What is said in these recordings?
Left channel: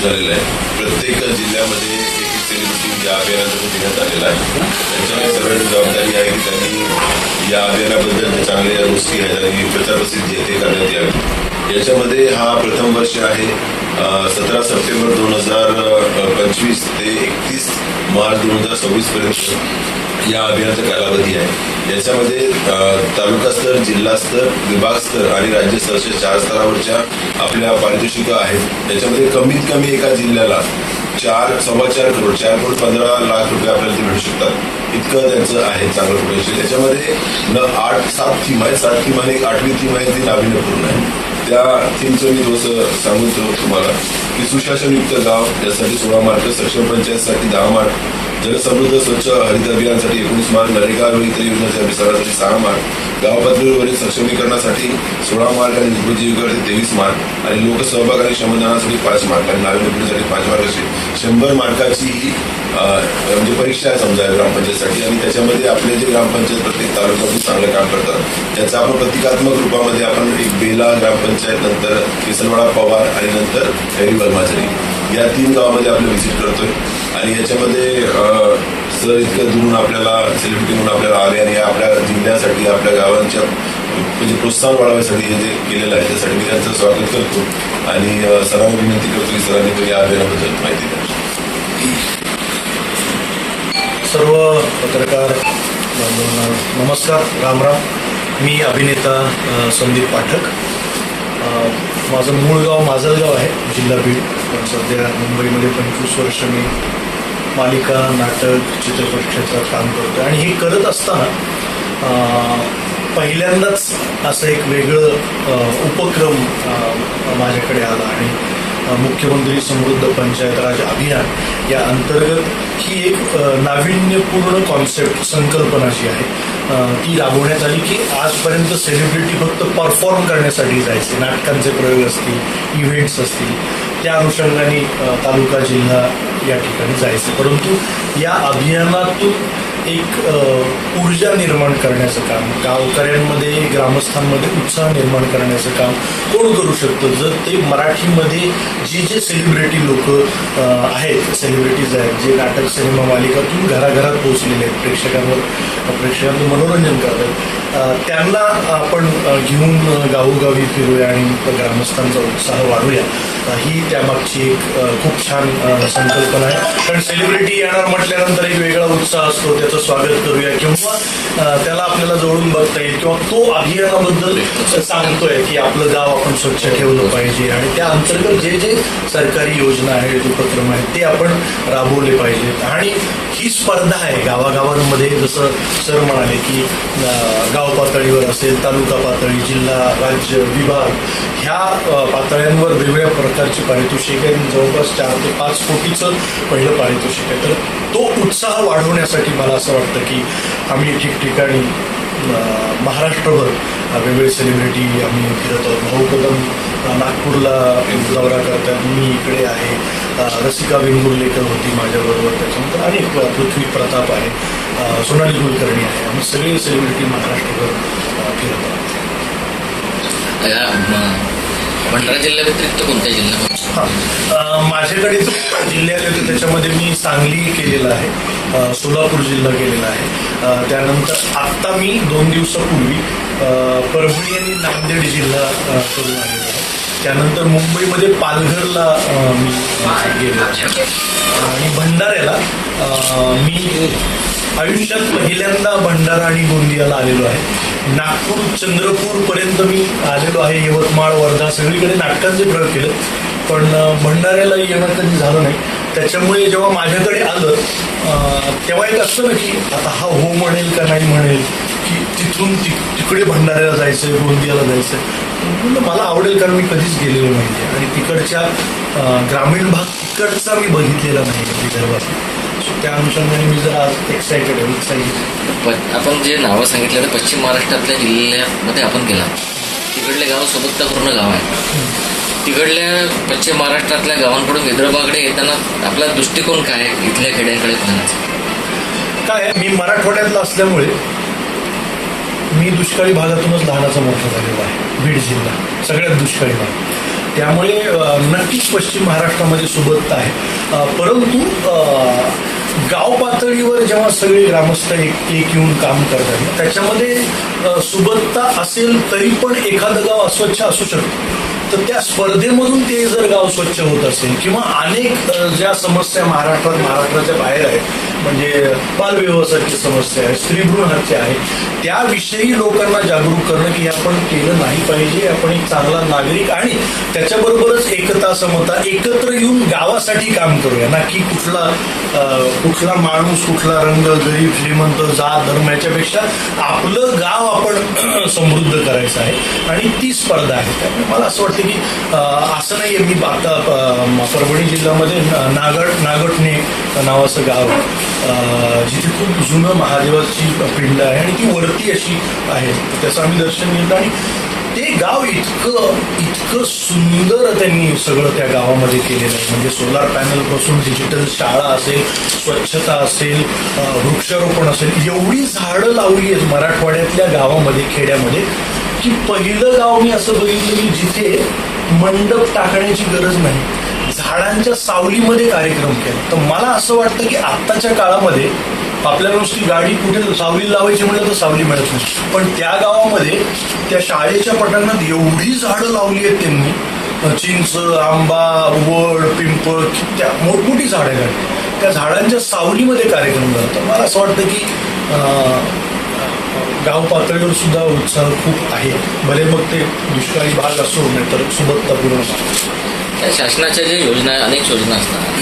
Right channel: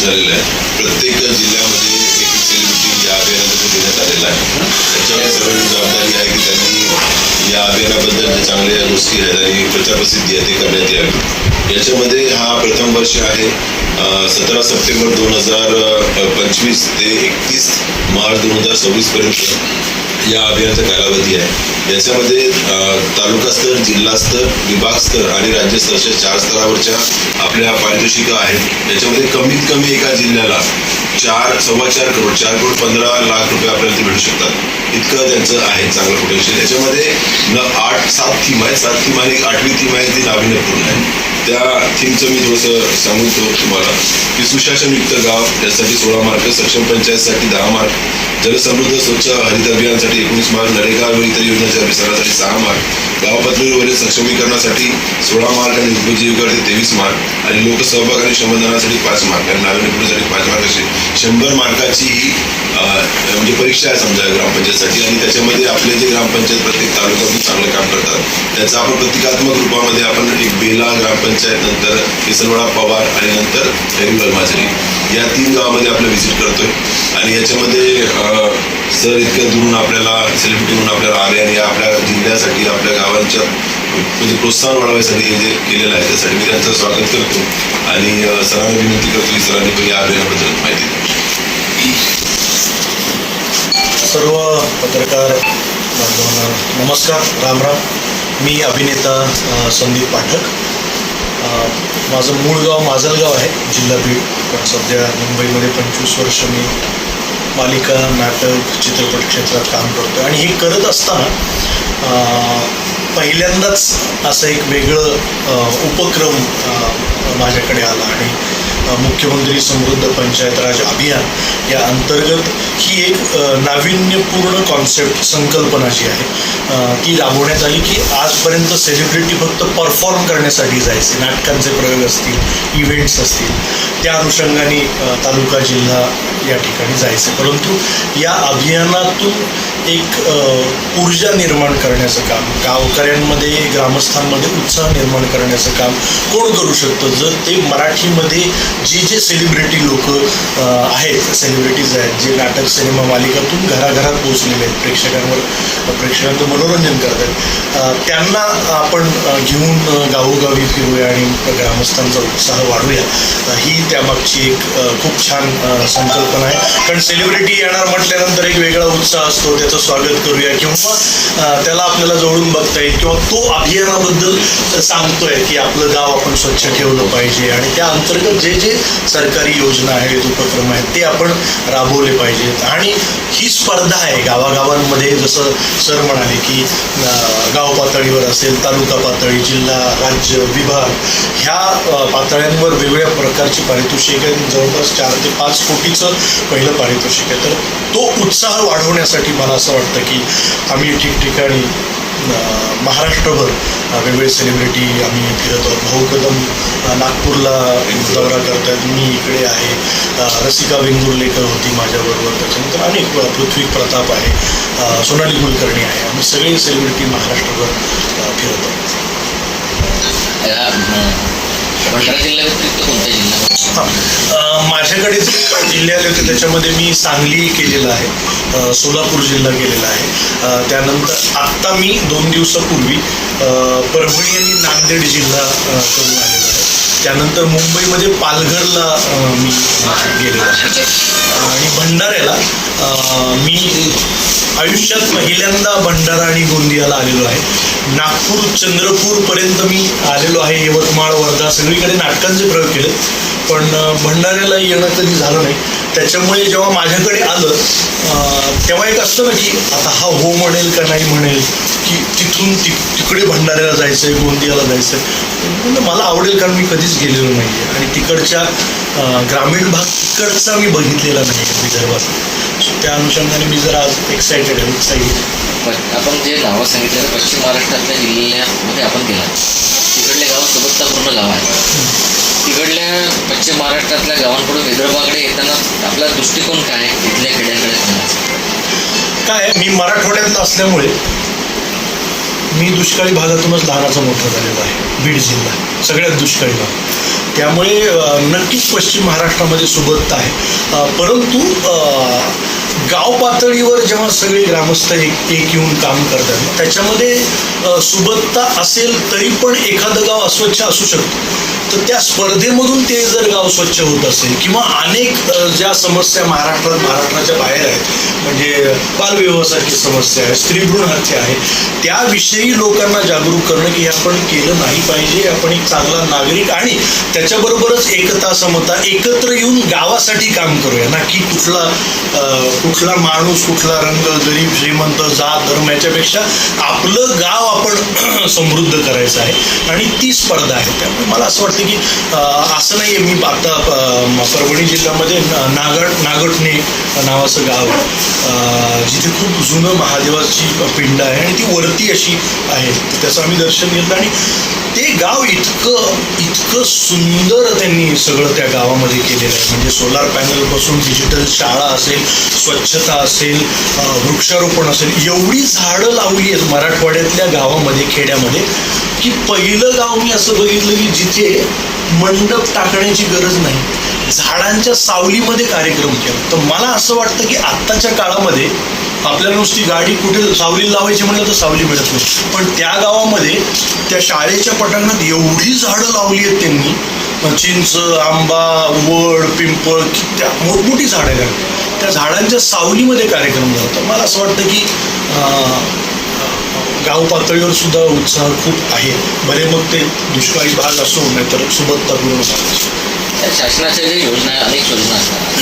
झालेलं आहे. प्रत्येक जिल्ह्यामध्ये एक सेलिब्रिटी या अभियानातून देण्यात आलेला आहे. त्यांच्यावर सगळ्यांची जबाबदारी आहे की त्यांनी या अभियानाबद्दल जे चांगले गोष्टी आहेत आणि प्रचार प्रसिद्धी आहे ते करण्यात यावी. याच्यामध्ये हा प्रथम वर्ष आहे. 17 सप्टेंबर 2025 ते 31 मार्च 2026 पर्यंत या अभियानाचा कालावधी आहे. याच्यामध्ये तालुका स्तर, जिल्हा स्तर, विभाग स्तर आणि राज्य स्तराच्या 4 स्तरावरच्या आपल्या पारितोषिकं आहेत. याच्यामध्ये कमीत कमी एका जिल्ह्याला 4.25 करोड 4.15 लाख रुपये आपल्याला ते भेटू शकतात. इतकं त्यांचं आहे चांगलं पोटेन्शियल. याच्यामध्ये 7 थीम आहेत. 7 थीम आणि 8वी थीम आहे ती नाविन्यपूर्ण आहे. त्या थीमचं मी थोडंसं सांगून ठेवतो तुम्हाला की सुशासनयुक्त गाव यासाठी 16 मार्क, सक्षम पंचायतसाठी 10 मार्क, जलसमृद्ध स्वच्छ हरित अभियानासाठी 19 मार्क, नरेगा व इतर योजनांच्या विस्तारासाठी 6 मार्क, गाव पातळीवरील सक्षमीकरणासाठी 16 मार्क आणि उपजीविकेवरती 23 मार्क आणि लोकसहभाग आणि श्रमदानासाठी 5 मार्क आणि नाविन्यपूर्णसाठी 5 मार्क असे 100 मार्काची ही म्हणजे परीक्षा आहे समजा ग्रामपंचायतसाठी. आणि त्याच्यामध्ये आपले जे ग्रामपंचायत प्रत्येक तालुक्यातून चांगलं काम करतात त्याचा आपण प्रतिकात्मक रूपामध्ये आपण एक बेला ग्रामपंचायत, नंतर केसलवाडा, पवार आणि नंतर हैरी माझरी या 3 गावामध्ये आपलं व्हिजिट करतोय. आणि याच्यामध्ये सर इतकं दुरून आपल्याला सेलिब्रिटी म्हणून आपल्याला आले आणि आपल्या जिल्ह्यासाठी आपल्या गावांच्या म्हणजे प्रोत्साहन वाढवण्यासाठी हे जे केलेलं आहे त्यासाठी मी त्यांचं स्वागत करतो आणि सरांना विनंती करतो की सरांनी पण या अभियानाबद्दल माहिती द्या. सर्व पत्रकार बांधवांना नमस्कार, राम राम. मी अभिनेता संदीप पाठक. माझं मूळ गाव माजलगाव आहे, जिल्हा बीड. पण सध्या मुंबईमध्ये 25 वर्ष मी मालिका, नाटक, चित्रपट क्षेत्रात काम करतो. आणि हे करत असताना पहिल्यांदाच असं एक वेगळं उपक्रम माझ्याकडे आला आणि मुख्यमंत्री समृद्ध पंचायत राज अभियान या अंतर्गत ही एक नाविन्यपूर्ण कॉन्सेप्ट, संकल्पना जी आहे ती राबवण्यात आली की आजपर्यंत सेलिब्रिटी फक्त परफॉर्म करण्यासाठी जायचे, नाटकांचे प्रयोग असतील, इव्हेंट्स असतील, त्या अनुषंगाने तालुका, जिल्हा या ठिकाणी जायचे. परंतु या अभियानातून एक ऊर्जा निर्माण करण्याचं काम, गावकऱ्यांमध्ये, ग्रामस्थांमध्ये उत्साह निर्माण करण्याचं काम कोण करू शकतं जर ते मराठीमध्ये जे सेलिब्रिटी लोक आहेत, सेलिब्रिटीज आहेत, जे नाटक, सिनेमा, मालिकातून घराघरात पोहोचलेले आहेत, प्रेक्षकांचं मनोरंजन करत आहेत, त्यांना आपण घेऊन गावोगावी फिरूया आणि ग्रामस्थांचा उत्साह वाढूया. ही त्यामागची एक खूप छान संकल्पना आहे. कारण सेलिब्रिटी येणार म्हटल्यानंतर एक वेगळा उत्साह असतो, त्याचं स्वागत करूया किंवा त्याला आपल्याला जवळून बघता येईल किंवा तो अभियानाबद्दल सांगतोय की आपलं गाव आपण स्वच्छ ठेवलं पाहिजे आणि त्या अंतर्गत जे सरकारी योजना आहेत, उपक्रम आहेत ते आपण राबवले पाहिजेत. आणि ही स्पर्धा आहे गावागावांमध्ये, जसं सर म्हणाले की गाव पातळीवर असेल, तालुका पातळी, जिल्हा, राज्य, विभाग ह्या पातळ्यांवर वेगवेगळ्या प्रकारची पारितोषिक आहेत. जवळपास 4 ते 5 कोटीचं पहिलं पारितोषिक आहे. तर तो उत्साह वाढवण्यासाठी मला असं वाटतं की आम्ही ठिकठिकाणी महाराष्ट्रभर वेगवेगळे सेलिब्रिटी आम्ही फिरत आहोत. भाऊ कदम नागपूरला दौरा करतात, मी इकडे आहे, रसिका वेंगुर्लेकर होती माझ्याबरोबर, त्याच्यानंतर अनेक, पृथ्वी प्रताप आहे, सोनाली कुलकर्णी आहे, आम्ही सगळे सेलिब्रिटी महाराष्ट्रभर फिरत आहोत. भंडारा जिल्ह्या व्यतिरिक्त कोणत्या जिल्हा? माझ्याकडे जिल्हे आले होते त्याच्यामध्ये मी सांगली केलेलं आहे, सोलापूर जिल्हा केलेला आहे, त्यानंतर आत्ता मी 2 दिवसापूर्वी परभणी आणि नांदेड जिल्हा करून आलेलो आहे. त्यानंतर मुंबईमध्ये पालघरला मी गेलेलो आहे आणि भंडाऱ्याला मी आयुष्यात पहिल्यांदा भंडारा आणि गोंदियाला आलेलो आहे. नागपूर, चंद्रपूरपर्यंत मी आलेलो आहे, यवतमाळ, वर्धा सगळीकडे नाटकांचे प्रयोग केले, पण भंडाऱ्याला येणं कधी झालं नाही. त्याच्यामुळे जेव्हा माझ्याकडे आलं तेव्हा एक असतं ना की आता हा हो म्हणेल का नाही म्हणेल, की तिथून तिकडे भंडाऱ्याला जायचं आहे, गोंदियाला जायचं आहे. मला आवडेल कारण मी कधीच गेलेलो नाही आहे आणि तिकडच्या ग्रामीण भाग तिकडचा मी बघितलेला नाही आहे विदर्भात. सो त्या अनुषंगाने मी जरा आज एक्सायटेड आहे, उत्साही. आपण जे नावं सांगितलं तर पश्चिम महाराष्ट्रातल्या जिल्ह्यामध्ये आपण गेला, तिकडल्या गावासोबतचा पूर्ण गाव आहे. तिकडल्या पश्चिम महाराष्ट्रातल्या गावांकडून विदर्भाकडे येताना आपला दृष्टिकोन काय आहे इथल्या खेड्याकडे? काय मी मराठवाड्यातला असल्यामुळे मी दुष्काळी भागातूनच लहानाचा मोठा झालेलो आहे. बीड जिल्हा सगळ्यात दुष्काळी भाग, त्यामुळे नक्कीच पश्चिम महाराष्ट्रामध्ये सुबत्ता आहे. परंतु गाव पातळीवर जेव्हा सगळे ग्रामस्थ एक येऊन काम करतात, त्याच्यामध्ये सुबत्ता असेल तरी पण एखादं गाव अस्वच्छ असू शकतं. तर त्या स्पर्धेमधून ते जर गाव स्वच्छ होत असेल किंवा अनेक ज्या समस्या महाराष्ट्राच्या बाहेर आहेत, म्हणजे बालविवाहासारखी समस्या आहे, स्त्रीभ्रूण हत्या आहे, त्याविषयी लोकांना जागरूक करणं की आपण केलं नाही पाहिजे, आपण एक चांगला नागरिक आणि त्याच्याबरोबरच एकता समता एकत्र येऊन गावासाठी काम करूया ना की कुठला माणूस, कुठला रंग, गरीब श्रीमंत, जात धर्म याच्यापेक्षा आपलं गाव आपण समृद्ध करायचं आहे आणि ती स्पर्धा आहे. त्यामुळे मला असं वाटतं की असं नाही आहे. मी आता परभणी जिल्ह्यामध्ये नागटणे नावाचं गाव आहे, जिथे खूप जुनं महादेवाची पिंड आहे आणि ती वरती अशी आहे. त्याचं आम्ही दर्शन घेतलं आणि ते गाव इतकं सुंदर त्यांनी सगळं त्या गावामध्ये केलेलं आहे. म्हणजे सोलार पॅनलपासून डिजिटल शाळा असेल, स्वच्छता असेल, वृक्षारोपण असेल, एवढी झाडं लावली आहेत मराठवाड्यातल्या गावामध्ये, खेड्यामध्ये, की पहिलं गाव मी असं बघितलं की जिथे मंडप टाकण्याची गरज नाही, झाडांच्या सावलीमध्ये कार्यक्रम केला. तर मला असं वाटतं की आत्ताच्या काळामध्ये आपल्याला नुसती गाडी कुठे सावली लावायची म्हटलं तर सावली मिळत नाही, पण त्या गावामध्ये त्या शाळेच्या पटांगणात एवढी झाडं लावली आहेत त्यांनी, चिंच, आंबा, वड, पिंपळ, त्या मोठमोठी झाडं आहेत, त्या झाडांच्या सावलीमध्ये कार्यक्रम झाला. तर मला असं वाटतं की गाव पातळीवर सुद्धा उत्साह खूप आहे. भले मग ते दुष्काळी भाग असो नाही तर सुबत्तापूर्ण भाग. त्या शासनाच्या ज्या योजना, अनेक योजना असतात,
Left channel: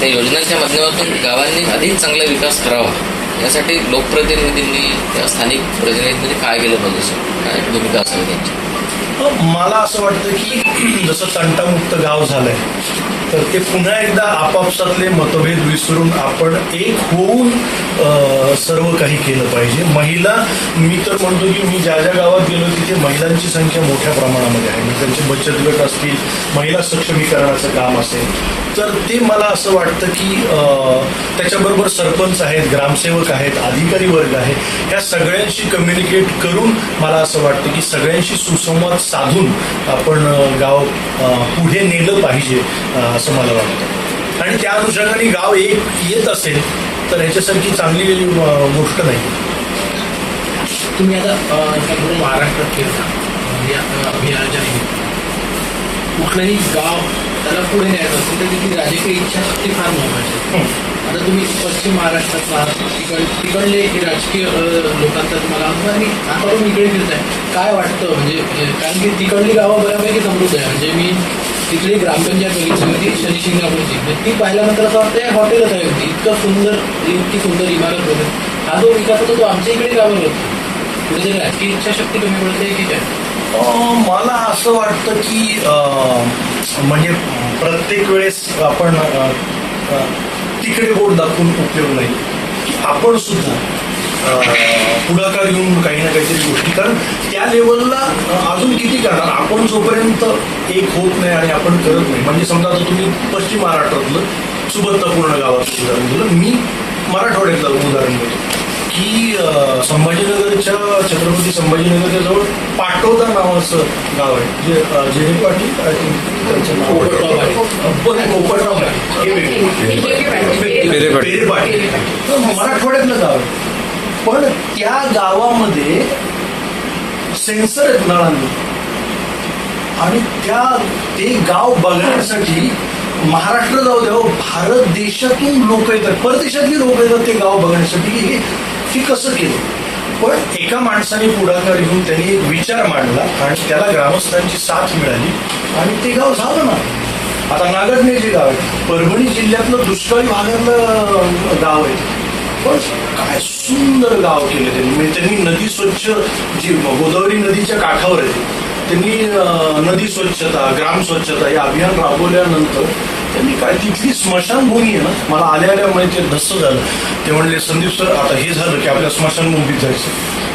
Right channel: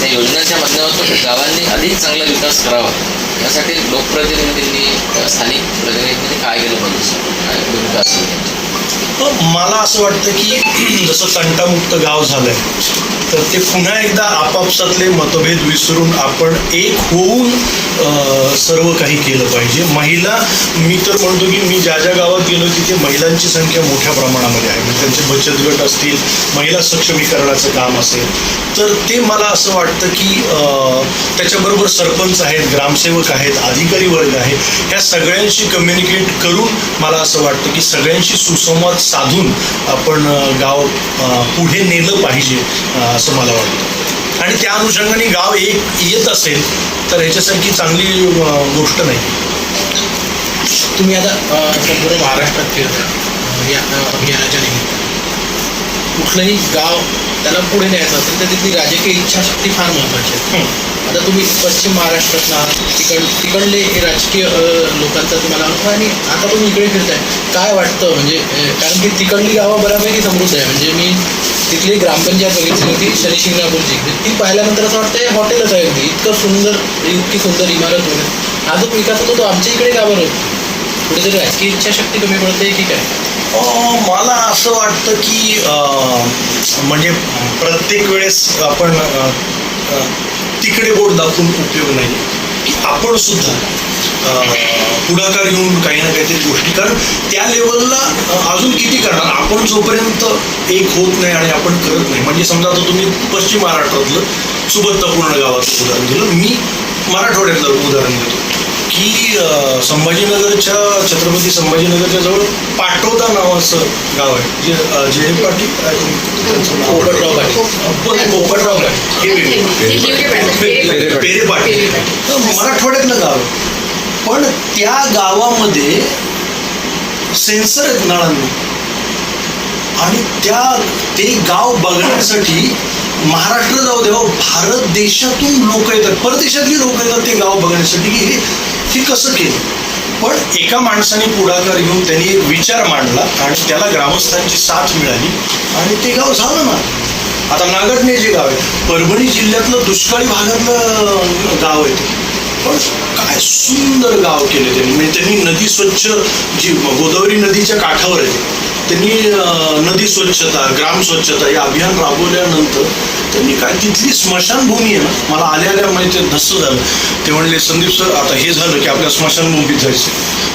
त्या योजनेच्या माध्यमातून गावांनी अधिक चांगला विकास करावा यासाठी लोकप्रतिनिधींनी किंवा स्थानिक प्रतिनिधींनी काय केलं पाहिजे, काय भूमिका असेल त्यांची? मला असं वाटतं की जसं तंटामुक्त गाव झालंय तर ते पुन्हा एकदा आपापसातले मतभेद विसरून आपण एक होऊन सर्व काही केलं पाहिजे. महिला, मी तर म्हणतो की मी ज्या ज्या गावात गेलो तिथे महिलांची संख्या मोठ्या प्रमाणामध्ये आहे. म्हणजे त्यांचे बचत गट असतील, महिला सक्षमीकरणाचं काम असेल, तर ते मला असं वाटतं की त्याच्याबरोबर सरपंच आहेत, ग्रामसेवक आहेत, अधिकारी वर्ग आहे, ह्या सगळ्यांशी कम्युनिकेट करून मला असं वाटतं की सगळ्यांशी सुसंवाद साधून आपण गाव पुढे नेलं पाहिजे असं मला वाटतं. आणि त्या अनुषंगाने गाव एक येत असेल तर ह्याच्यासारखी चांगली गोष्ट नाही. तुम्ही आता संपूर्ण महाराष्ट्रात फिरता या अभियानाच्या निमित्तानं, कुठलंही गाव त्याला पुढे न्यायचं असेल तर तिथली राजकीय इच्छाशक्ती फार महत्त्वाची आहे. आता तुम्ही पश्चिम महाराष्ट्रातला तिकडले राजकीय लोकांचा तुम्हाला अनुभव आणि आता तुम्ही इकडे फिरताय, काय वाटतं? म्हणजे कारण की तिकडली गावं बऱ्यापैकी समृद्ध आहे. म्हणजे मी तिथली ग्रामपंचायत बघितली होती शनी शिंगणापूरची, ती पाहिल्यानंतर असं वाटतं हॉटेलच आहे अगदी, इतकी सुंदर इमारत वगैरे. हा जो विकास होतो तो आमच्या इकडे का बरं होतो? कुठेतरी राजकीय इच्छाशक्ती कमी पडते की काय? मला असं वाटतं की म्हणजे प्रत्येक वेळेस आपण तिकडे बोट दाखवून उपयोग नाही, की आपण सुद्धा पुढाकार घेऊन काही ना काहीतरी गोष्टी, कारण त्या लेवलला अजून किती करणार आपण जोपर्यंत एक होत नाही आणि आपण करत नाही. म्हणजे समजा आता तुम्ही पश्चिम महाराष्ट्रातलं सुबत्तापूर्ण गावाचं उदाहरण दिलं, मी मराठवाड्यातलं उदाहरण देतो की संभाजीनगरच्या, छत्रपती संभाजीनगरच्या जवळ पाटोदा नावाचं गाव आहे, जे जे पाटील त्यांचं नाव पोपटराव आहे, हे वेगळे पेरे पाटील, मराठवाड्यातलं गाव आहे. पण त्या गावामध्ये सेन्सर आहेत नळांना आणि ते गाव बघण्यासाठी महाराष्ट्र जाऊ द्या, भारत देशातून लोक येतात, परदेशातली लोक येतात ते गाव बघण्यासाठी की हे कसं केलं. पण एका माणसाने पुढाकार घेऊन त्यांनी एक विचार मांडला आणि त्याला ग्रामस्थांची साथ मिळाली आणि ते गाव झालं ना. आता नागटणे जे गाव आहे परभणी जिल्ह्यातलं दुष्काळी भागातलं गाव आहे, पण काय सुंदर गाव केलं त्यांनी. म्हणजे त्यांनी नदी स्वच्छ, जी गोदावरी नदीच्या काठावर आहे, त्यांनी नदी स्वच्छता, ग्राम स्वच्छता हे अभियान राबवल्यानंतर त्यांनी काय तिथली स्मशानभूमी आहे ना, मला आल्या माहिती धस्स झालं. ते म्हणले संदीप सर आता हे झालं की आपल्या स्मशानभूमीत जायचं.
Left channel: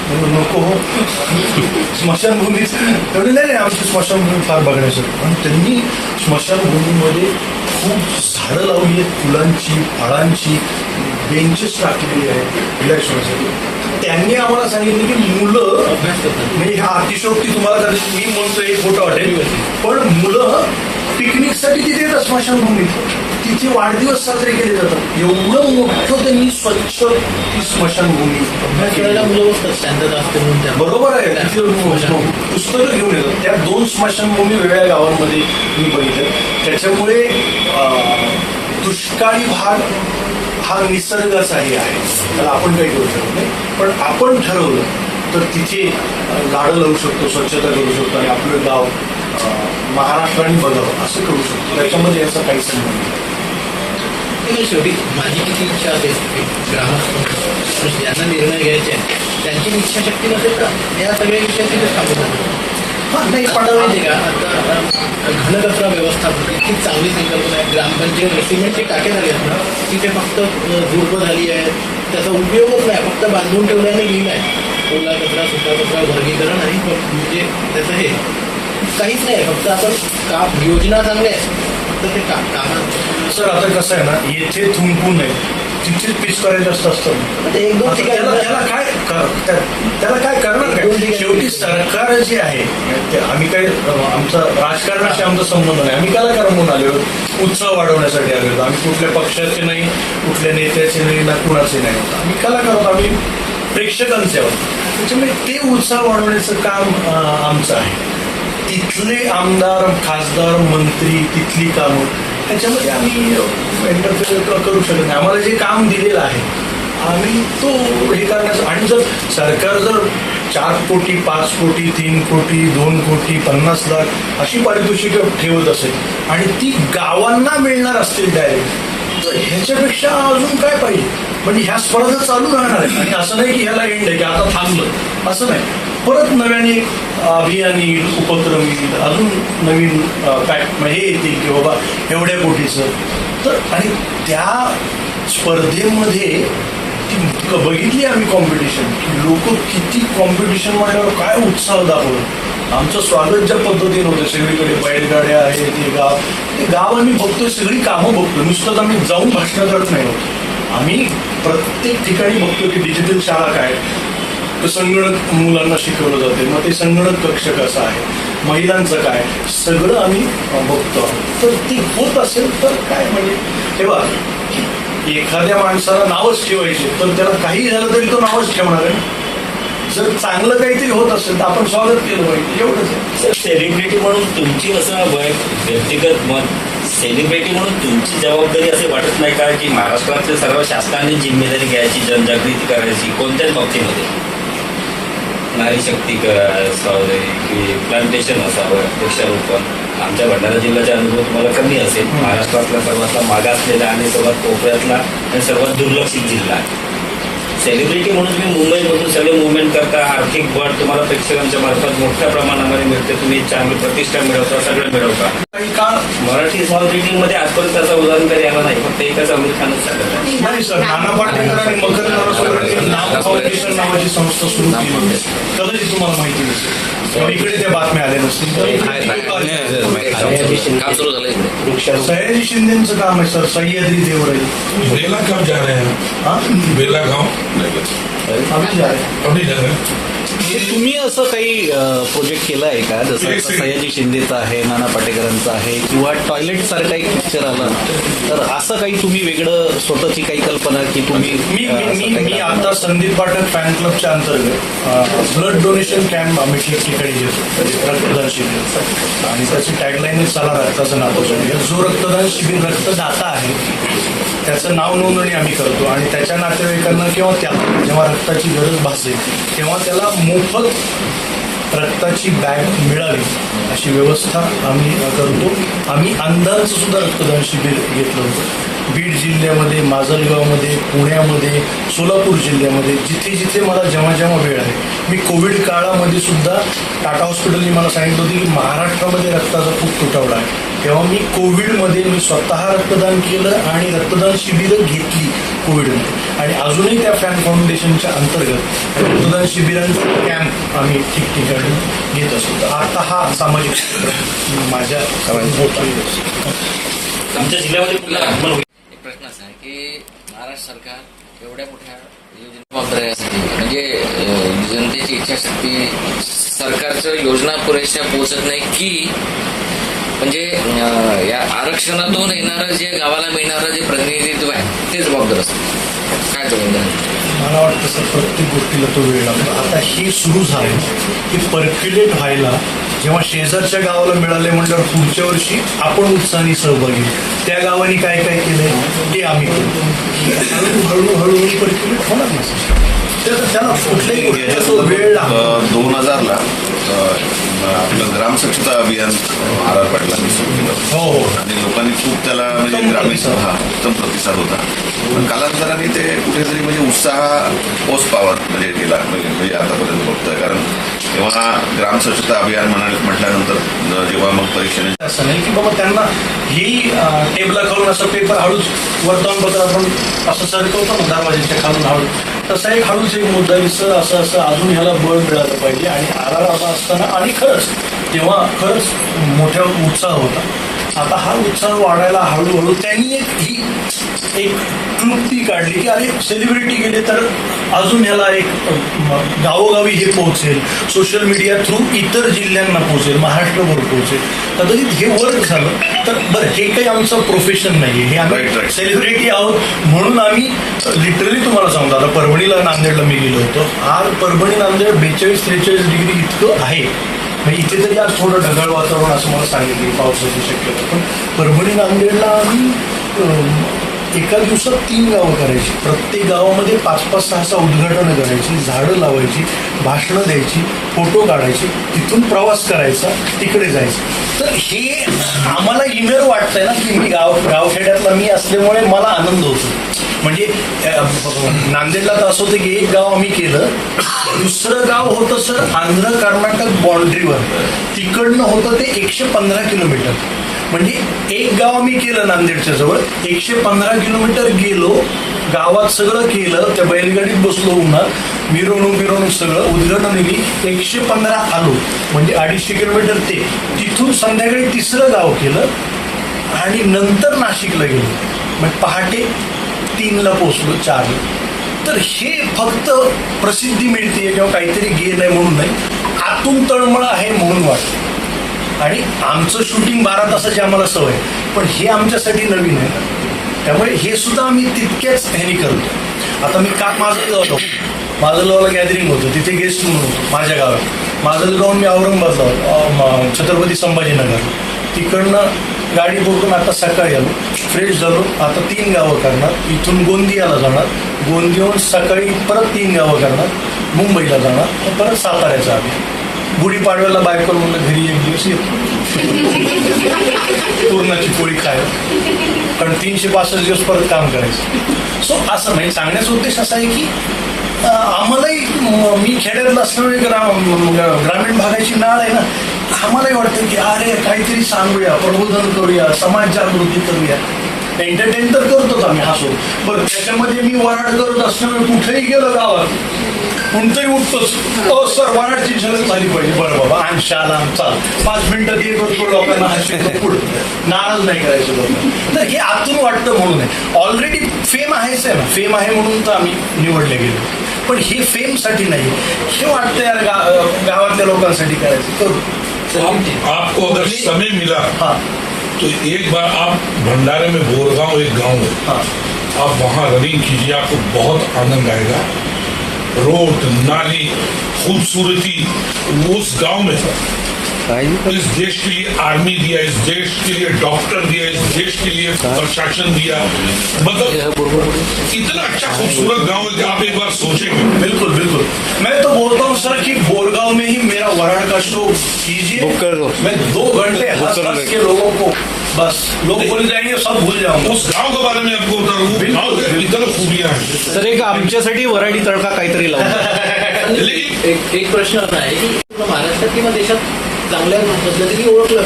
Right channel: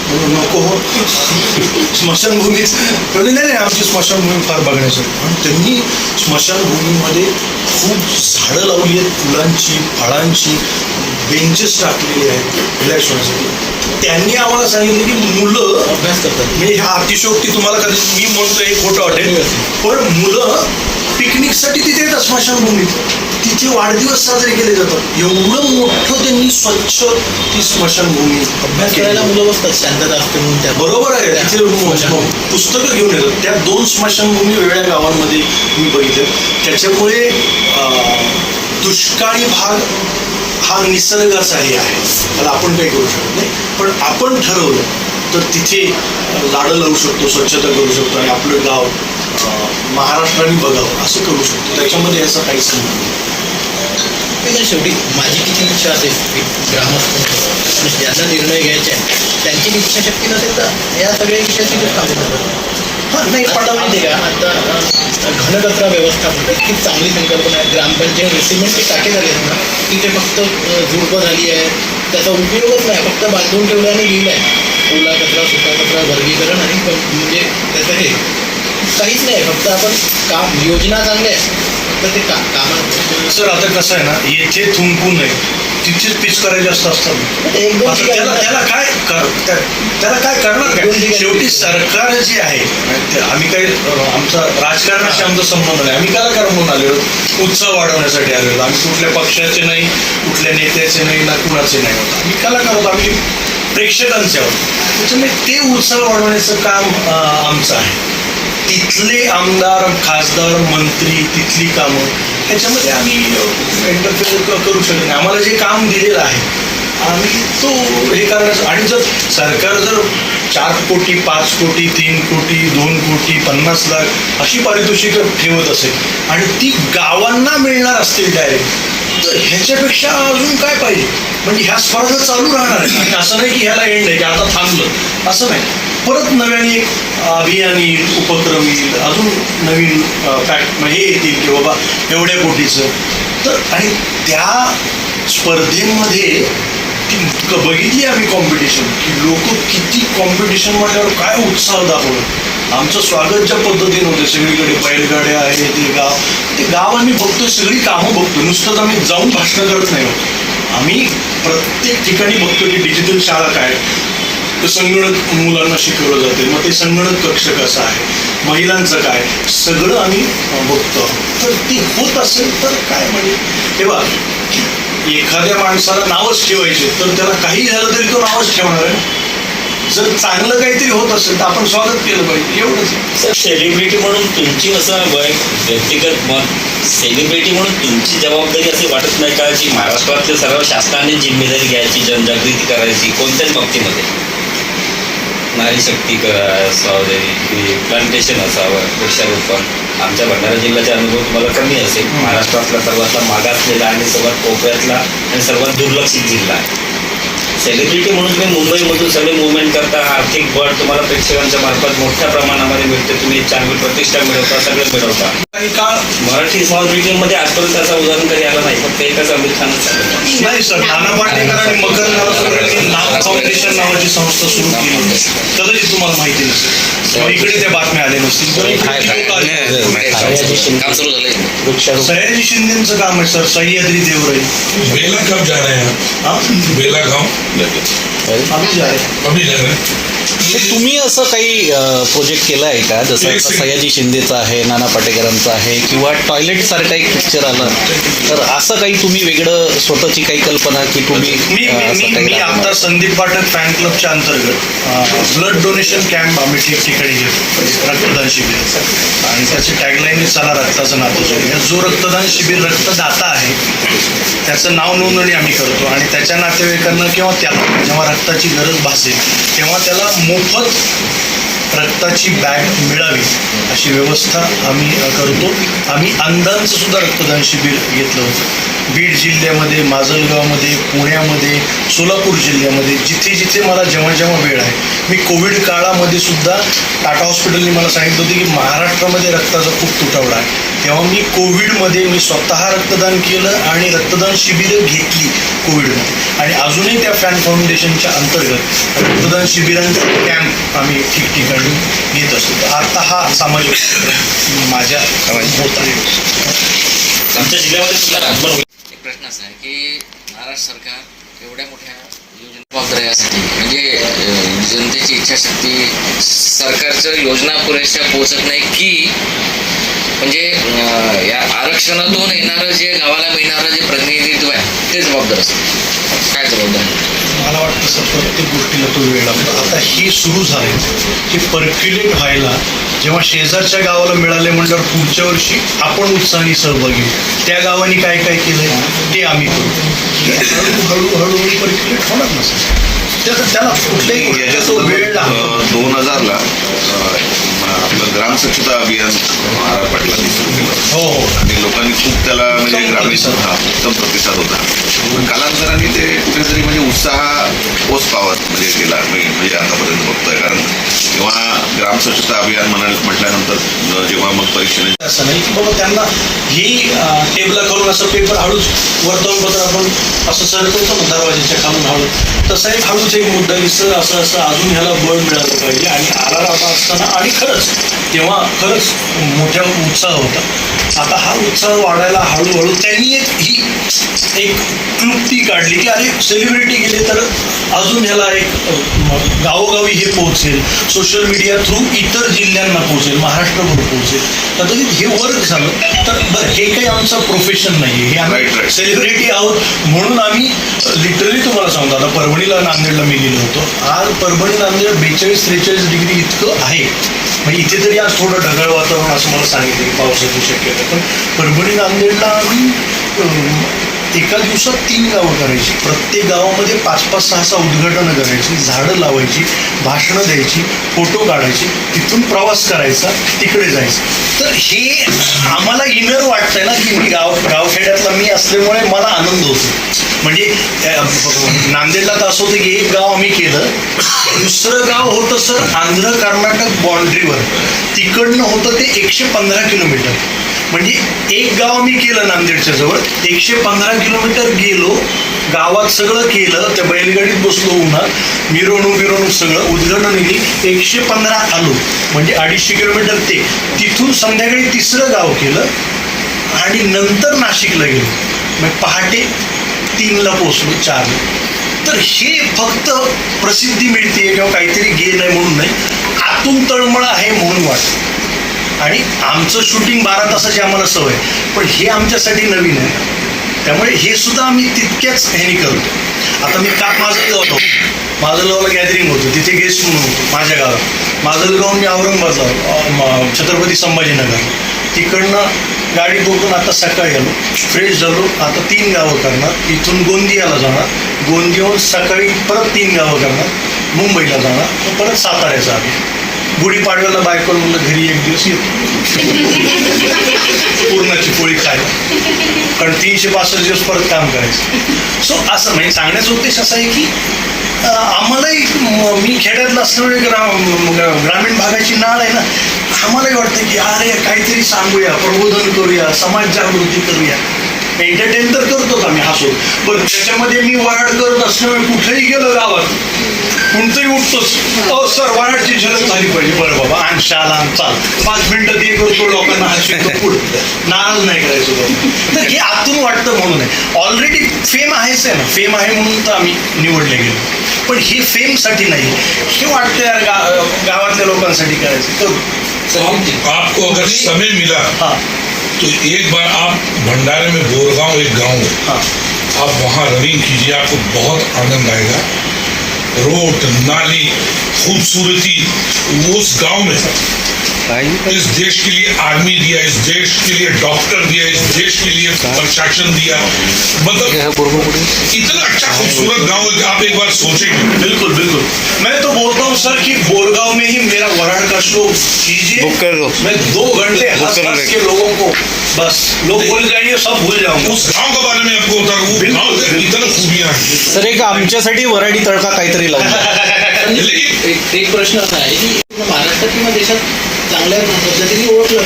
म्हणून नको हो स्मशानभूमीच, तेवढे नाही आमची स्मशानभूमी फार बघण्यासाठी. आणि त्यांनी स्मशानभूमीमध्ये खूप झाडं लावली आहेत, फुलांची, फळांची, बेंचेस टाकलेले आहेत रिलॅक्स होण्यासाठी. त्यांनी आम्हाला सांगितलं की मुलं अभ्यास करतात. म्हणजे हा अतिशयोक्ती तुम्हाला कधी मी म्हणतोय हे खोटं वाटेल, पण मुलं पिकनिकसाठी तिथे येतात स्मशानभूमीत, तिथे वाढदिवस साजरे केले जातात. एवढं मोठं त्यांनी स्वच्छ ती स्मशानभूमी अभ्यास करायला मुलं बसतात, शांतता असते म्हणून त्या. बरोबर आहे. तिथे पुस्तकं घेऊन येतात. त्या 2 स्मशानभूमी वेगळ्या गावांमध्ये मी बघितले. त्याच्यामुळे दुष्काळी भाग हा निसर्गाचाही आहे, त्याला आपण काही करू शकत नाही. पण आपण ठरवलं तर तिथे झाडं लावू शकतो, स्वच्छता करू शकतो आणि आपलं गाव महाराष्ट्राने बघावं असं करू शकतो. त्याच्यामध्ये याचा काही संबंध नाही. पण शेवटी माझी किती इच्छा असेल की ग्रामस्थ ज्यांना निर्णय घ्यायचे आहे त्यांची इच्छाशक्ती नसेल तर या सगळ्या विषयाची ते थांबले जातात. हां नाही आता माहिती आहे का, आता घनकचरा व्यवस्थापन इतकी चांगली संकल्पना आहे. ग्रामपंचायत सिमेंटचे टाके झाले आहेत ना, तिथे फक्त झुडपं झाली आहे, त्याचा उपयोगच नाही, फक्त बांधून ठेवल्याने लिहिलं आहे ओला कचरा, सुका कचरा, वर्गीकरण आणि म्हणजे त्याचं हे काहीच नाही. फक्त आपण काम योजना चांगल्या आहे, फक्त ते कामात. सर आता कसं आहे ना, येथे थुंकू नये तिथेच पीच करायचे असतात. एक दोन आता ठिकाणी त्याला काय करणार काय? शेवटी सरकार जे आहे आम्ही काही आमचा राजकारणाशी आमचा संबंध नाही. आम्ही कलाकार म्हणून आलेलो, उत्सव वाढवण्यासाठी आलेलो. आम्ही कुठल्या पक्षाचे नाही, कुठल्या नेत्याचे नाही, ना कुणाचे नाही होत. आम्ही कलाकार होतो, आम्ही प्रेक्षकांचे आहोत. त्याच्यामुळे ते उत्सव वाढवण्याचं काम आमचं आहे. तिथले आमदार, खासदार, मंत्री, तिथली कामं ह्याच्यामध्ये आम्ही इंटरफेअर करू शकत नाही. आम्हाला जे काम दिलेलं आहे आम्ही तो हे करण्याचं. आणि जर सरकार जर 4 कोटी, 5 कोटी, 3 कोटी, 2 कोटी, 50 लाख अशी पारितोषिकं ठेवत असेल आणि ती गावांना मिळणार असतील डायरेक्ट, तर ह्याच्यापेक्षा अजून काय पाहिजे? म्हणजे ह्या स्पर्धा चालू राहणार आहेत. आणि असं नाही की ह्याला एंड आहे की आता थांबलं, असं नाही. परत नव्याने एक अभियान येईल, उपक्रम येईल, अजून नवीन हे येतील की बाबा एवढ्या कोटीचं. तर आणि त्या स्पर्धेमध्ये ती बघितली आम्ही कॉम्पिटिशन, की लोक किती कॉम्पिटिशन म्हटल्यावर काय उत्साह दाखवलं. आमचं स्वागत ज्या पद्धतीने होतं, सगळीकडे बैलगाड्या आहे, ते गाव आम्ही बघतोय, सगळी कामं बघतो. नुसतंच आम्ही जाऊन भाषणं करत नाही होत. आम्ही प्रत्येक ठिकाणी बघतो की डिजिटल शाळा काय, संगणक मुलांना शिकवलं जाते, मग ते संगणक कक्ष कसं आहे, महिलांचं काय, सगळं आम्ही बघतो. तर ते होत असेल तर काय म्हणजे तेव्हा एखाद्या माणसाला नावच ठेवायचे तर त्याला काही झालं तरी तो नावच ठेवणार आहे. जर चांगलं काहीतरी होत असेल तर आपण स्वागत केलं पाहिजे, एवढंच. सर, सेलिब्रिटी म्हणून तुमची असं व्यक्तिगत मत, सेलिब्रिटी म्हणून तुमची जबाबदारी असे वाटत नाही का जी महाराष्ट्रातल्या सर्व शासनाने जिम्मेदारी घ्यायची, जनजागृती करायची कोणत्याच बाबतीमध्ये? नारी शक्ती स्वावलंबी, प्लांटेशन असावं, वृक्षारोपण. आमच्या भंडारा जिल्ह्याचा अनुभव तुम्हाला कमी असेल. महाराष्ट्रातला सर्वात मागासलेला आणि सर्वात कोपऱ्यातला आणि सर्वात दुर्लक्षित जिल्हा आहे. सेलिब्रिटी म्हणून तुम्ही मुंबईमधून सगळे मुवमेंट करता, आर्थिक बळ तुम्हाला प्रेक्षकांच्या मार्फत मोठ्या प्रमाणामध्ये मिळते, तुम्ही चांगली प्रतिष्ठा मिळवता, सगळं मिळवता. काही काळ मराठी स्मॉल बिल्डिंगमध्ये आजपर्यंत असं उदाहरण कधी आलं नाही, फक्त एकच आमिर खानच झालं. नाही सर, नाना पाटेकर आणि मकर नावाचं नाम फाउंडेशन नावाची संस्था सुरू केली, कदाचित तुम्हाला माहिती नसेल किंवा इकडे त्या बातम्या आल्या नसतील. काम सुरू झालंय. सयाजी शिंदेचं काम आहे सर, सह्याद्री देवराई. बेला कब जा रहे हैं हाँ आप? बेला गाँव अभी जा रहे हैं. अभी जा रहे हैं. हे तुम्ही असं काही प्रोजेक्ट केलं आहे का, जसं एक आता सयाजी शिंदेचं आहे, नाना पाटेकरांचं आहे, किंवा टॉयलेट सारखं एक पिक्चर आलं, तर असं काही तुम्ही वेगळं स्वतःची काही कल्पना की तुम्ही मी आता संदीप पाठक फॅन क्लबच्या अंतर्गत ब्लड डोनेशन कॅम्प आम्ही ठिकठिकाणी घेतो, रक्तदान शिबिर, आणि त्याची टॅगलाईन चला रक्ताचं नातं जोडूया. जो रक्तदान शिबिर रक्तदाता आहे त्याचं नाव नोंदणी आम्ही करतो आणि त्याच्या नातेवाईकांना किंवा त्याला जेव्हा रक्ताची गरज भासेल तेव्हा त्याला मोफत रक्ताची बॅग मिळावी अशी व्यवस्था आम्ही करतो. आम्ही अंधांचं सुद्धा रक्तदान शिबिर घेतलं होतं बीड जिल्ह्यामध्ये, माजलगावमध्ये, पुण्यामध्ये, सोलापूर जिल्ह्यामध्ये, जिथे जिथे मला जेव्हा जेव्हा वेळ आहे. मी कोविड काळामध्ये सुद्धा टाटा हॉस्पिटलने मला सांगितलं होतं की महाराष्ट्रामध्ये रक्ताचा खूप तुटवडा आहे. तेव्हा मी कोविडमध्ये मी स्वतः रक्तदान केलं आणि रक्तदान शिबिरं घेतली कोविडमध्ये. आणि अजूनही त्या फॅन फाउंडेशनच्या अंतर्गत रक्तदान शिबिरांचे कॅम्प आम्ही ठिकठिकाणी घेत असतो. तर आता हा सामाजिक माझ्या होत आहे. आमच्या जिल्ह्यामध्ये एक प्रश्न असा आहे की महाराष्ट्र सरकार एवढ्या मोठ्या मात्र यासाठी म्हणजे जनतेची इच्छाशक्ती, सरकारच्या योजना पुरेशा पोहोचत नाही की म्हणजे या आरक्षणातून येणारं जे गावाला मिळणारं जे प्रतिनिधित्व आहे ते जबाबदार असतं. काय जबाबदार? मला वाटतं सर प्रत्येक गोष्टीला तो वेळ लागतो. आता हे सुरू झाले, हे पर्क्युलेट व्हायला जेव्हा शेजारच्या गावाला मिळाले म्हटल्यावर पुढच्या वर्षी आपण उत्साहाने सहभागी होऊ. त्या गावाने काय काय केलंय ते आम्ही करू. हळूहळू पर्क्युलेट होणार ना सर. त्याला कुठल्याही गोष्टीचा तो वेळ लागतो. 2000ला आपलं ग्रामस्वच्छता अभियान महाराज पाटलांनी सुरू केलं हो आणि लोकांनी खूप त्याला म्हणजे उत्तम ग्रामीण प्रतिसाद. उत्तम प्रतिसाद होता. पण कालांतराने ते कुठेतरी म्हणजे उत्साह पोच पावत म्हणजे गेला. मी म्हणजे आतापर्यंत बघतोय कारण तेव्हा ग्रामस्वच्छता अभियान म्हटल्यानंतर जेव्हा मग परीक्षेने असं नाही की बाबा त्यांना ही टेबला खालून असं पेपर हळूच वर्तमानपत्र आपण असं सरकवतो ना दरवाजाच्या खालून हळू, तसा एक हळूच एक मुद्दा की सर असं असं अजून ह्याला बळ मिळालं पाहिजे. आणि आला असताना आणि खरंच तेव्हा खरंच मोठा उत्साह होता. आता हा उत्साह वाढायला हळूहळू त्यांनी ही एक क्लुप्ती काढली की अरे सेलिब्रिटी गेले तर अजून ह्याला एक गावोगावी हे पोहोचेल, सोशल मीडिया थ्रू इतर जिल्ह्यांना पोहोचेल, महाराष्ट्रभर पोहोचेल. कदाचित हे वर्क झालं तर बरं. हे काही आमचं प्रोफेशन नाही आहे, हे आम्ही सेलिब्रिटी आहोत म्हणून आम्ही लिटरली तुम्हाला सांगतो. आता परभणीला नांदेडला मी गेलो होतो. आज परभणी नांदेड 42-43 डिग्री इतकं आहे. म्हणजे इथे तरी आज थोडं ढगाळ वातावरण असं मला सांगितलं, पावसाची शक्यता. पण परभणी नांदेडला आम्ही एका दिवसात 3 गावं करायची. प्रत्येक गावामध्ये 5-5, 6 उद्घाटनं करायची, झाडं लावायची, भाषणं द्यायची, फोटो काढायची, तिथून प्रवास करायचा, तिकडे जायचं. तर हे आम्हाला इनर वाटतंय ना की मी गावखेड्यातला मी असल्यामुळे मला आनंद होतो. म्हणजे नांदेडला तर असं होतं की एक गाव आम्ही केलं, दुसरं गाव होतं सर आंध्र कर्नाटक बाँड्रीवर. तिकडनं होतं ते 115 किलोमीटर. म्हणजे एक गाव आम्ही केलं नांदेडच्या जवळ, 115 किलोमीटर गेलो, गावात सगळं केलं, त्या बैलगाडीत बसलो उन्हात, मिरवणूक सगळं उद्घाटन दिली, 115 आलो. म्हणजे 250 किलोमीटर ते. तिथून संध्याकाळी 3रं गाव केलं आणि नंतर नाशिकला गेलो. मग पहाटे 3ला पोचलो, 4ला. तर हे फक्त प्रसिद्धी मिळते किंवा काहीतरी गेन आहे म्हणून नाही, आतून तळमळ आहे म्हणून वाटतं. आणि आमचं शूटिंग 12 तासाची आम्हाला सवय, पण हे आमच्यासाठी नवीन आहे. त्यामुळे हे सुद्धा आम्ही तितक्याच ह्यानी करतो. आता मी माजलगाव होतो, माजलगावला गॅदरिंग होतं, तिथे गेस्ट म्हणून होतो माझ्या गावात. माजलगावून मी औरंगाबादला छत्रपती संभाजीनगर, तिकडनं गाडी बघून आता सकाळी आलो, फ्रेश झालो. आता 3 गावं करणार, इथून गोंदियाला जाणार, गोंदियाहून सकाळी परत 3 गावं करणार, मुंबईला जाणार, परत साताऱ्याचा आम्ही. गुढीपाडव्याला बायकोला म्हणलं घरी एक दिवस येतो पूर्णाची पोळी खायला, कारण 365 दिवस परत काम करायचं. सो असं म्हणजे सांगण्याचा उद्देश असा आहे की आम्हालाही, मी खेड्यातला असल्यामुळे ग्रामीण भागाची नाळ आहे ना, आम्हालाही वाटतं की अरे काहीतरी सांगूया, प्रबोधन करूया, समाज जागृती करूया. एंटरटेन तर करतोच आम्ही हसू, पण त्याच्यामध्ये मी वराड करत असल्यामुळे कुठेही गेलो गावात कोणतरी उठतोच, सर वराडची झलक झाली पाहिजे. बरं बाबा आण शाला चाल, 5 मिनिटं ते करतो, लोकांना हसतो, पुढं नाराज नाही करायचो लोक. तर हे आतून वाटतं म्हणून आहे. ऑलरेडी फेम आहेच आहे ना, फेम आहे म्हणून तर आम्ही निवडले गेलो. पण हे फेमसाठी नाही, हे वाटतं यार गावातल्या लोकांसाठी करायचं करू. आपको अगर समय मिला हाँ तो एक बार आप भंडारे में बोरगांव एक गांव है, हाँ आप वहाँ रनिंग कीजिए, आपको बहुत आनंद आएगा. रोड, नाली, खूबसूरती उस गांव में है. इस देश के लिए आर्मी दिया, इस देश के लिए डॉक्टर दिया, इस देश के लिए प्रशासन दिया. मतलब इतना अच्छा खूबसूरत गांव है कि आप एक बार सोचेंगे. बिल्कुल बिल्कुल. मैं तो बोलता हूँ सर कि बोरगांव में ही मेरा वराड का शो कीजिए, बुक कर दो. मैं 2 घंटे हंस के लोगों को बस लोग भूल जाएंगे, सब भूल जाऊंगा. उस गांव के बारे में आपको बता, वो गांव के इतना खूबियां हैं. तर एक आमच्यासाठी वराडी तडका काहीतरी लागला. लेकिन एक प्रश्न असा आहे की महाराष्ट्रात किंवा देशात चांगल्या पद्धतीने ओळखल्या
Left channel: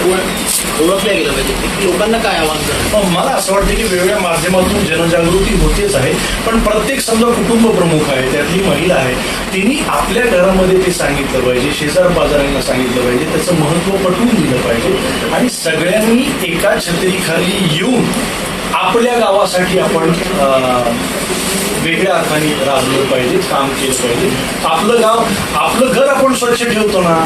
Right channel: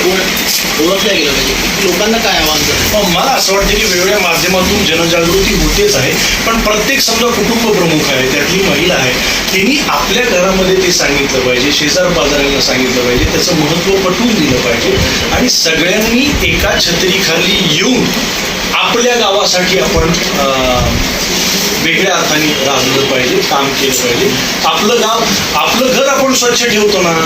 गेलं पाहिजे. लोकांना काय आव्हान करेल? मला असं वाटतं की वेगवेगळ्या माध्यमातून जनजागृती होतेच आहे, पण प्रत्येक समजा कुटुंब प्रमुख आहे, त्यातली महिला आहे, त्यांनी आपल्या घरामध्ये ते सांगितलं पाहिजे, शेजार पाजारांना सांगितलं पाहिजे, त्याचं महत्त्व पटवून दिलं पाहिजे. आणि सगळ्यांनी एका छत्रीखाली येऊन आपल्या गावासाठी आपण वेगळ्या अर्थाने राबलं पाहिजे, काम केलं पाहिजे. आपलं घर आपण स्वच्छ ठेवतो ना,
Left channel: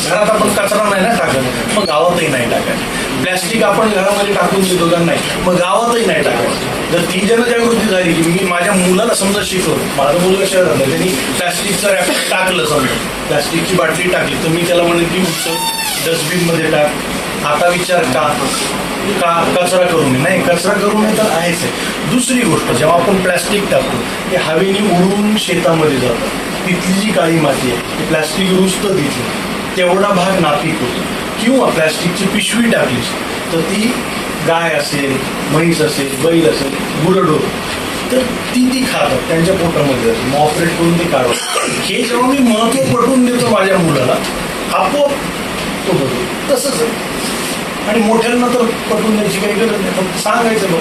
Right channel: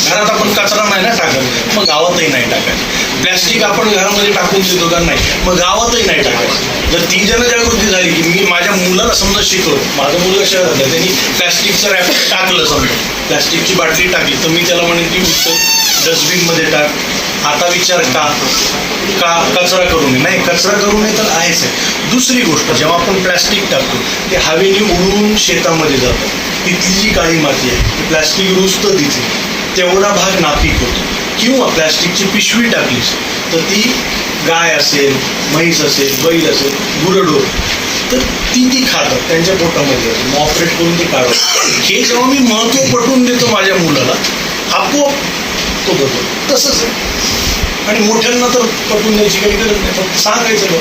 घरात आपण कचरा नाही ना टाकत, मग गावातही नाही टाकायचं. प्लॅस्टिक आपण घरामध्ये टाकून देतो का नाही, मग गावातही नाही टाकायचं. जर ती जनजागृती झाली की मी माझ्या मुलाला समजा शिकवलं, माझं मुलगा शहरात आहे, त्यांनी प्लॅस्टिकचं रॅपर टाकलं, समजा प्लॅस्टिकची बाटली टाकली, तर मी त्याला म्हणेन की डस्टबिनमध्ये टाक. आता विचार का कचरा करू नये, नाही कचरा करू नये तर आहेच आहे. दुसरी गोष्ट, जेव्हा आपण प्लॅस्टिक टाकतो ते हवेने उडून शेतामध्ये जातं, तिथली जी काळी माती आहे ती प्लॅस्टिक रुजतं तिथे, तेवढा भाग नापीक होतो. किंवा प्लॅस्टिकची पिशवी टाकलीस तर ती गाय असेल, म्हैस असेल, बैल असेल, गुरढोर, तर ती खातात, त्यांच्या पोटामध्ये जातं, मग ऑपरेट करून ते काढतात. हे जेव्हा मी महत्त्व पटवून देतो माझ्या मुलाला, आपोआप तो बदल. तसंच आहे. आणि मोठ्यांना तर पटवून द्यायची काही गरज नाही, फक्त सांगायचं लोक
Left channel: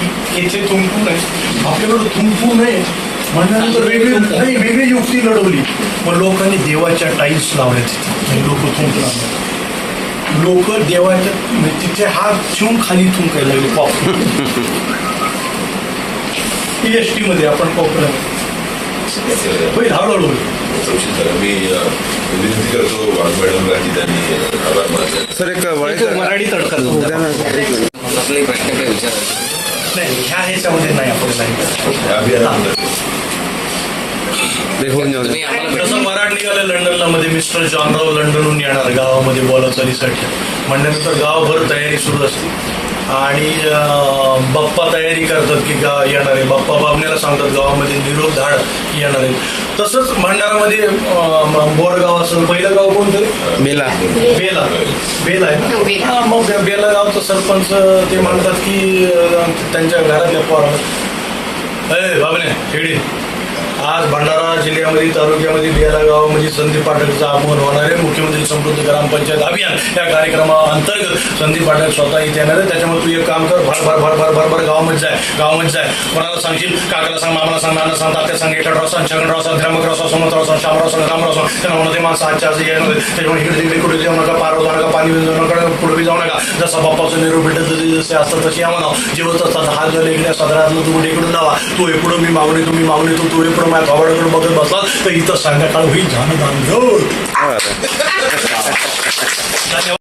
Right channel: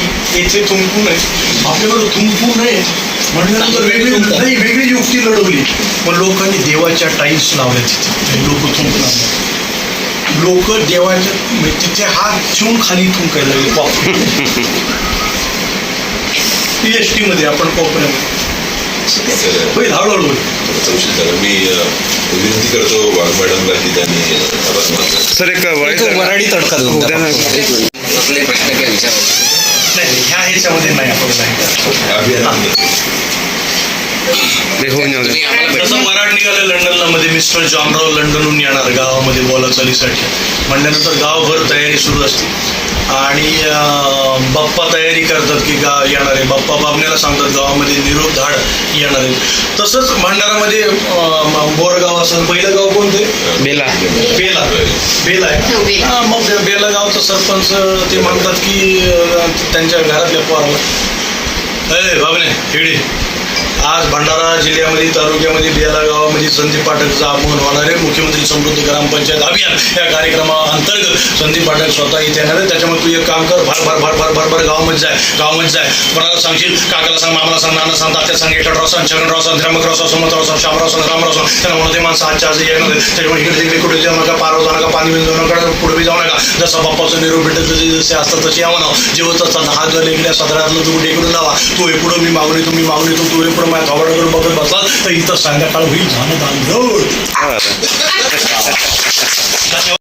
की याचे थुंकू नये, आपल्याकडं थुंकू नये म्हटल्यानंतर वेगळी युक्ती लढवली. मग लोकांनी देवाच्या टाईल्स लावल्या तिथे, लोक थुंकणार नाही. लोक देवाच्या तिथे हात ठेवून खाली थुंकायला लागले. कॉप PST मध्ये आपण कोपऱ्यामध्ये होईल, हळूहळू होईल. तहसीलदार, मी विनंती करतो वाघ मॅडमला की त्यांनी आभार मानले. सर एक वराडी तडका उद्या ना एक मिनिट. कुठले प्रश्न काय विचारायचे नाही, ह्याच्यामध्ये नाही आपण नाही. अभियानाबद्दल ते होऊन जाऊ दे. तुम्ही आम्हाला जसं मराठ निघालं लंडनला मध्ये, मिस्टर जॉनराव लंडनहून येणार गावामध्ये बोलाचालीसाठी म्हणल्यानंतर गावभर तयारी सुरू असते. आणि बाप्पा तयारी करतात की येणार आहे, बाप्पा बाबण्याला सांगतात गावामध्ये निरोप धाड येणार आहे. तसंच भंडारामध्ये बोरगाव असं पहिलं गाव कोणतं, बेला बेला आहे. हां, मग बेला गावचं सरपंच ते म्हणतात की त्यांच्या घरातल्या पोराला, अय बाबने हेडी, आज भंडारा जिल्ह्यामध्ये तालुक्यामध्ये बेला गावामध्ये संदीप पाठकचं आगमन होणार आहे. मुख्यमंत्री समृद्धी ग्रामपंचायत अभियान या कार्यक्रमाअंतर्गत संदीप पाठक स्वतः इथे येणार आहे. त्याच्यामुळे तू एक काम कर, भर गावामध्ये जाय. कोणाला सांगशील, काकाला सांग, मामाला सांग, नाना सांग, तात्या सांग, एकटराव सांग, छगनराव सांग, त्र्यंबकराव सांग, सुमंतराव सांग, शामराव सांग, रामराव सांग. त्यांना म्हणून ते माणसं आजच्या आज येणार आहे. त्याच्यामुळे इकडे तिकडे कुठे जाऊ नका, पारव जाऊ नका, पाणी जाऊ नका, पुढे जाऊ नका. जसा बाप्पाचं निरोप भेटत जसे असतात तसे यावं नाव. जेवत असतात हात झाले इकडे सदरातलं तू कुठे इकडून लावा, तू हे पुढं मी मागून येतो, तू हे पुढं माझ्या थोबाडाकडे बघत बसला तर इथं संध्याकाळ होईल. झालं. धन्यवाद.